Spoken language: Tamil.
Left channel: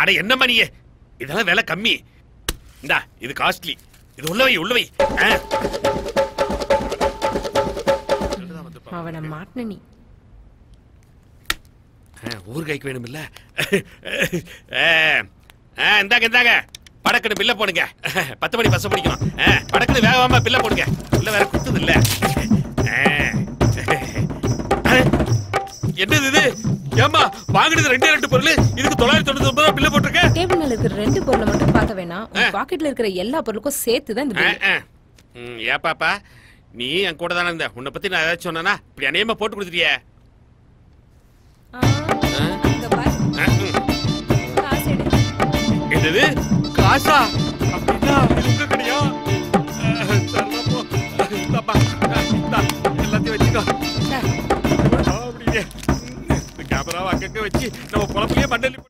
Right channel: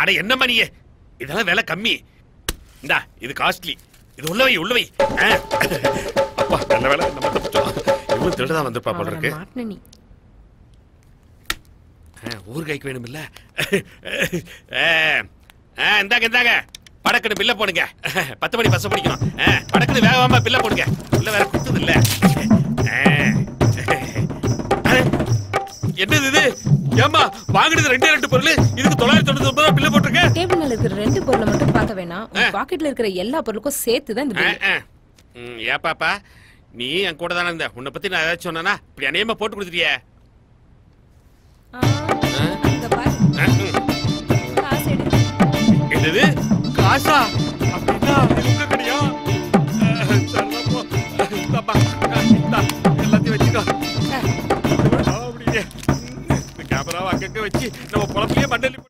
அட என்னம்மா நீ இதெல்லாம் விலை கம்மி. இந்தா இது காஸ்ட்லி. இது உள்ளவை உள்ளவை. அப்பா நல்ல வேலை இவன் திருடதான் வந்திருப்பா போல இருக்கு. மாட்டன நீ ஊர்காய்க்கு வேணும் இல்ல? இந்தாங்க இந்தாங்க படக்குன்னு பில்ல போடுங்க. 10 மணி பஸ் பிடிக்கணும். படக்குன்னு வேகமா பில்ல போடுங்க. உள்ள வேற குத்துது இல்ல? என்னது இது? ஏமா வாங்குனது 2 பொருள் இதுக்கு 999 ரூபாய் பில்ல போட்டுருக்க. டேபிள் மேல இருக்கிற 2 பொருளை மட்டும் பார்க்க வேணாம். பாக்கெட்ல இருக்கிற எல்லா பொருளுக்கும் சேர்த்து தான் இந்த பில். ஏப்பாப்பா நீ என் கூட தானே இருந்த. உன்னை பத்தி நான் ஏதாச்சும் சொன்னா இப்படி அநியமா போட்டு கொடுத்துட்டியே. அங்க பாரு காசு எடு. என்னது காசா? அப்படின்னா இது உங்க கடையா? சரிதான் போ. எல்லாத்தையும் வச்சுக்கோ. அப்படியே கேமராவை அங்கங்க வச்சு நம்ம பொழப்பிலேயே மண்டலி